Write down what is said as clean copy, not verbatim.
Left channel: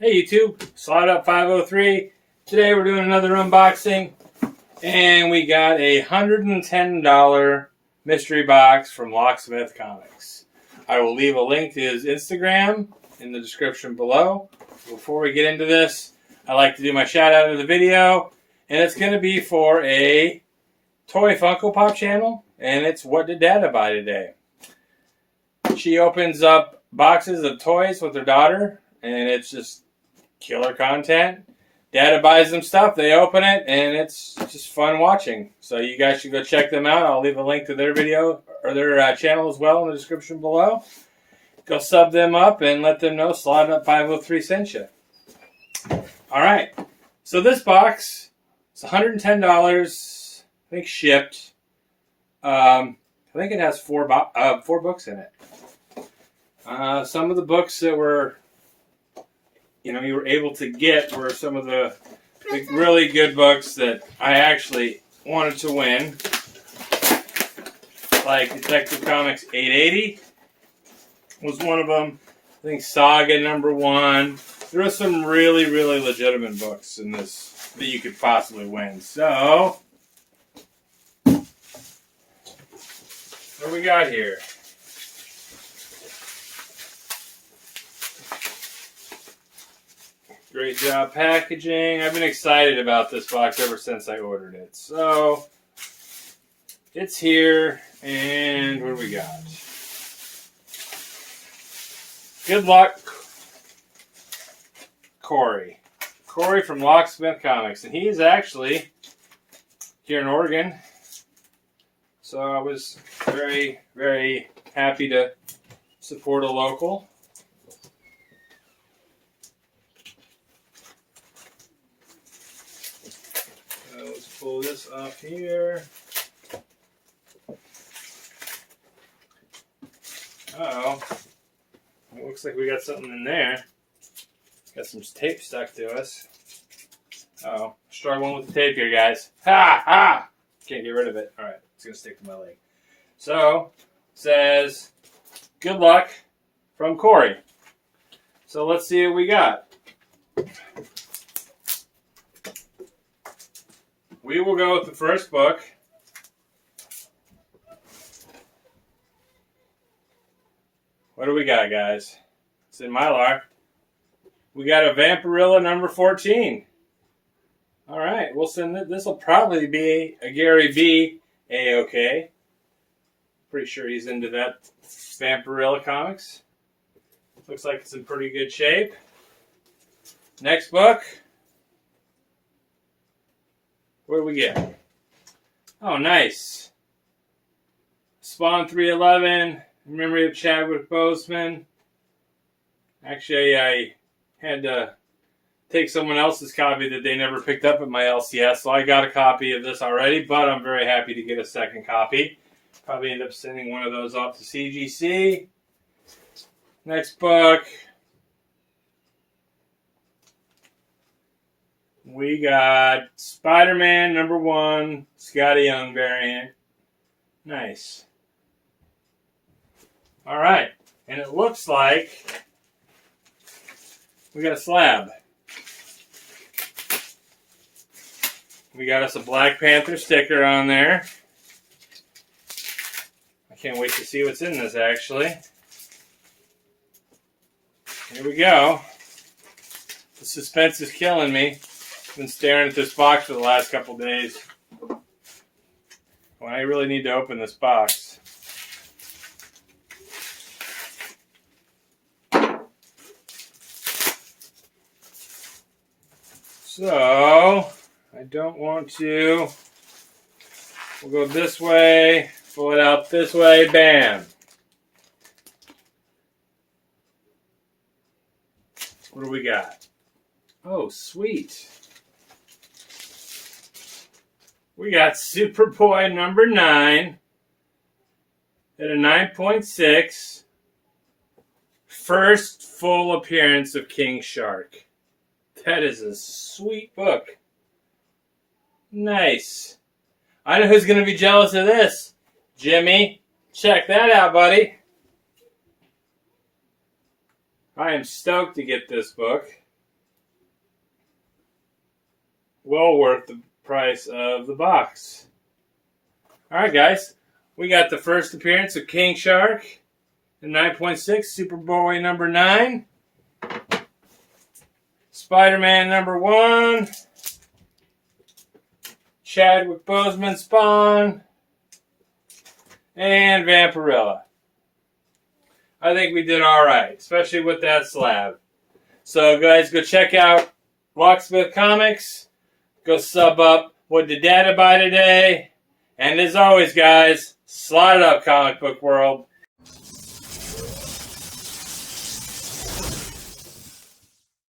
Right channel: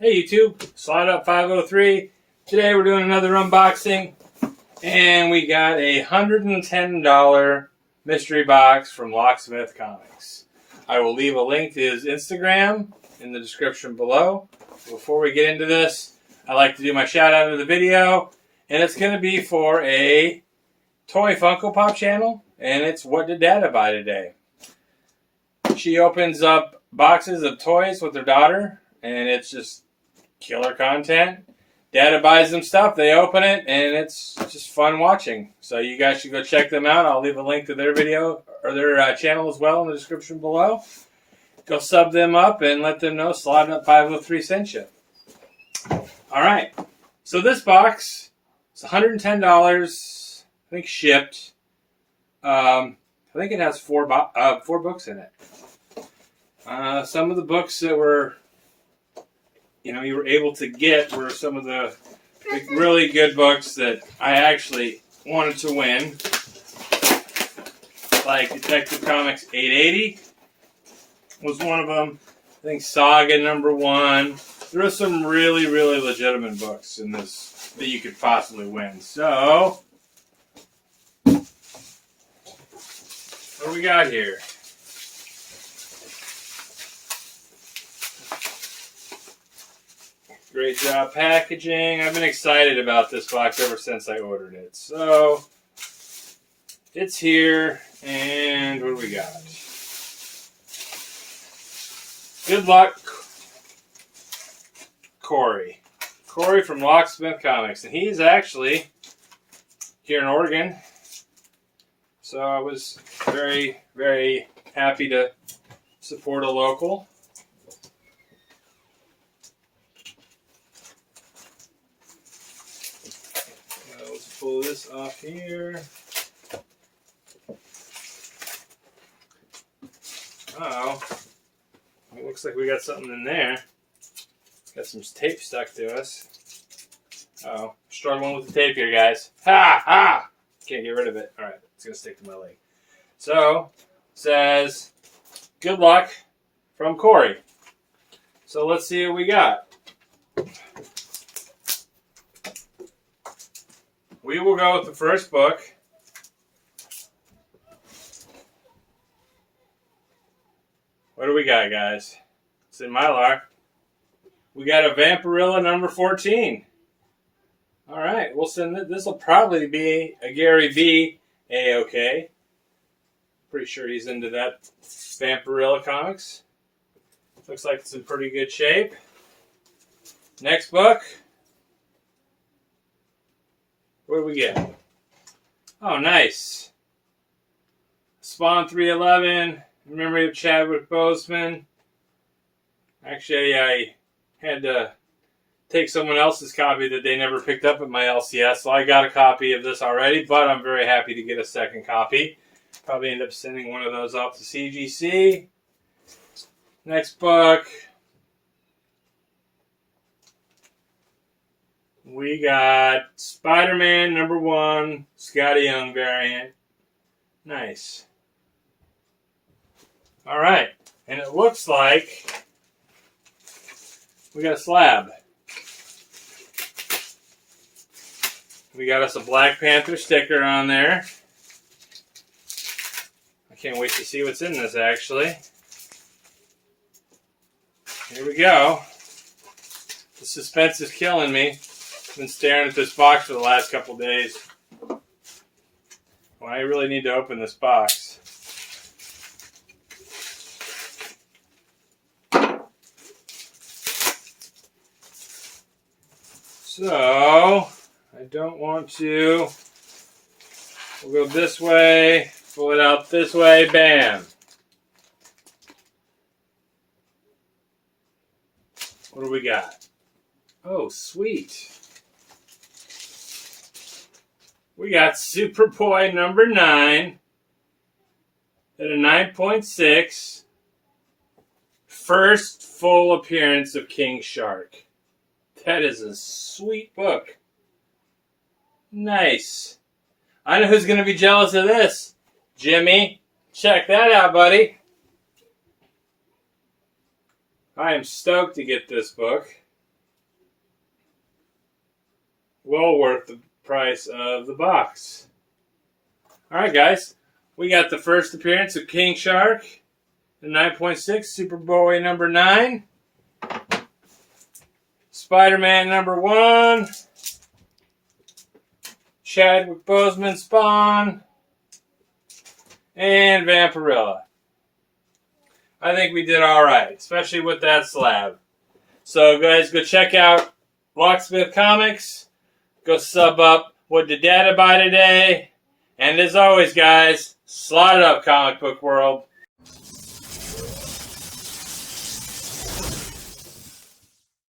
Hey YouTube, Slide Up 503. Today we're doing another unboxing, and we got a $110 mystery box from Locksmithcomics. I will leave a link to his Instagram in the description below. Before we get into this, I like to do my shout out of the video, and it's going to be for a toy Funko Pop channel, and it's What Did Dada Buy Today? She opens up boxes of toys with her daughter, and it's just killer content. Dada buys them stuff, they open it, and it's just fun watching. So you guys should go check them out. I'll leave a link to their video or their channel as well in the description below. Go sub them up and let them know Slide Up 503 sent you. Alright, so this box is $110, I think shipped. I think it has four books in it. Some of the books that were you were able to get were some of the really good books that I actually wanted to win. Like Detective Comics 880 was one of them. I think Saga #1. There are some really, really legitimate books in this that you could possibly win. So, what do we got here? Great job packaging. I've been excited about this box ever since I ordered it. So, it's here, and what do we got? Good luck, Corey. Corey from Locksmith Comics, and he's actually here in Oregon. So I was very, very happy to support a local. Let's pull this off here. Uh-oh. It looks like we got something in there. Got some tape stuck to us. Uh-oh. Struggling with the tape here, guys. Ha! Ha! Can't get rid of it. Alright, it's going to stick to my leg. So, it says, good luck from Corey. So let's see what we got. We will go with the first book. What do we got, guys? It's in Mylar. We got a Vampirilla #14. All right, we'll send it. This will probably be a Gary V. A-OK. Pretty sure he's into that Vampirilla comics. Looks like it's in pretty good shape. Next book. What do we get? Oh, nice. Spawn 311. In memory of Chadwick Boseman. Actually, I had to take someone else's copy that they never picked up at my LCS, so I got a copy of this already, but I'm very happy to get a second copy. Probably end up sending one of those off to CGC. Next book. We got Spider-Man #1, Scotty Young variant. Nice. All right, and it looks like we got a slab. We got us a Black Panther sticker on there. I can't wait to see what's in this, actually. Here we go. The suspense is killing me. I've been staring at this box for the last couple days. Well, I really need to open this box. So, I don't want to. We'll go this way, pull it out this way, bam. What do we got? Oh, sweet. We got Superboy #9 at a 9.6. First full appearance of King Shark. That is a sweet book. Nice. I know who's going to be jealous of this. Jimmy, check that out, buddy. I am stoked to get this book. well worth the price of the box. Alright guys, we got the first appearance of King Shark in 9.6, Superboy number 9, Spider-Man number 1, Chadwick Boseman Spawn, and Vampirella. I think we did alright, especially with that slab. So guys, go check out Locksmith Comics. Go sub up. What did Dada buy today? And as always guys, slot it up, comic book world.